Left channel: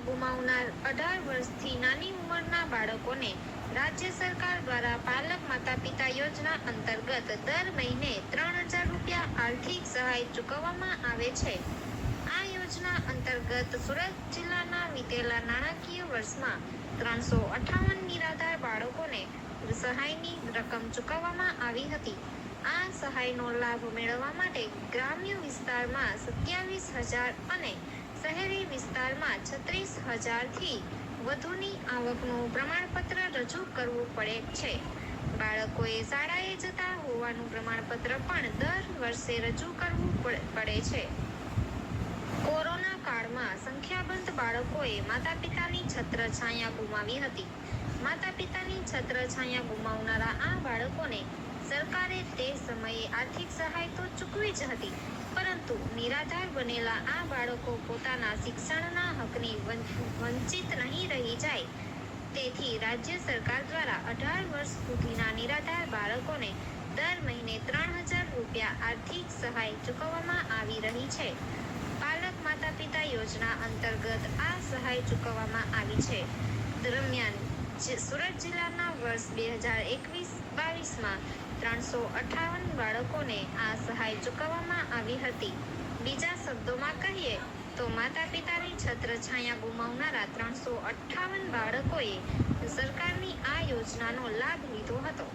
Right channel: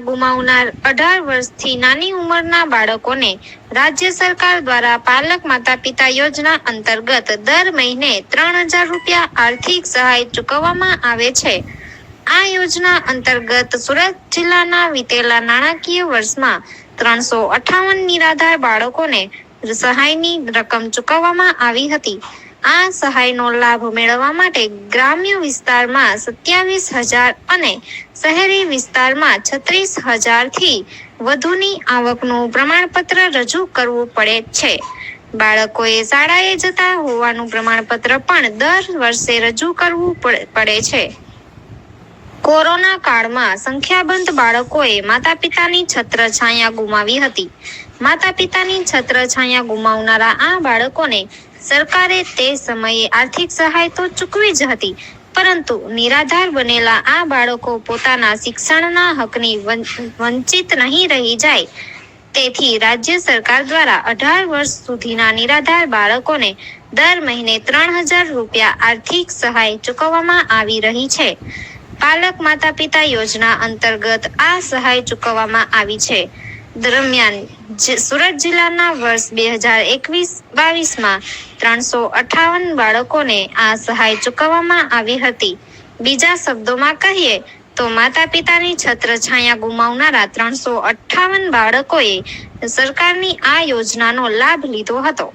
ગુમાવનાર અઢાર વર્ષથી નાની ઉંમરના બાળકોને રાજ્ય સરકાર દ્વારા પાલક માતા પિતા યોજના અંતર્ગત દર મહિને ત્રણ હજાર રૂપિયા આર્થિક સહાય ચૂકવવામાં આવે છે. આ યોજના અંતર્ગત સુરત જિલ્લાના વિતેલા નાણાકીય વર્ષમાં ત્રણસો અઠાવન નિરાધાર બાળકોને સહાયની રકમ ચૂકવવામાં આવી હતી. આ સહાયનો લાભ મેળવવા માટે ગ્રામ્ય વિસ્તારમાં સત્યાવીસ હજાર અને શહેરી વિસ્તારમાં છત્રીસ હજારથી વધુની આવકનું પ્રમાણપત્ર રજૂ કરવું પડે છે. બાળકોએ શાળાએ જતા હોવાનું પ્રમાણપત્ર પણ દર વર્ષે રજૂ કરવું પડે છે. કોરોના કાળમાં સંખ્યાબંધ બાળકોએ માતા પિતાની છત્રછાયા ગુમાવી હતી. માતા પિતાની છત્રછાયા ગુમાવનારા આ બાળકોને સરકારે તે સમયે આર્થિક સહાય તો ચૂકવી જ હતી, પરંતુ નિરાધાર બનેલા આ બાળકો પોતાના શિક્ષણના હકની વંચિત નહીં રહી જાય. તેથી રાજ્ય સરકાર દ્વારા અઢાર વર્ષ સુધીના નિરાધાર બાળકોને દર મહિને ત્રણ હજાર રૂપિયા આર્થિક સહાય ચૂકવવામાં આવી રહી છે. પાલક માતા પિતા યોજના અંતર્ગત આ સહાય ચૂકવવામાં આવી છે. દરમિયાન સુરત જિલ્લાના વર્ષ બે હજાર એકવીસ બાવીસમાં ત્રણસો અઠાવન બાળકોને આ સહાય ચૂકવવામાં આવી હતી. બીજા શબ્દોમાં કહીએ તો માતા પિતાની છત્રછાયા ગુમાવનારા ત્રણસો અઠાવન બાળકોએ સરકારની આ યોજનાનો લાભ લીધો હતો.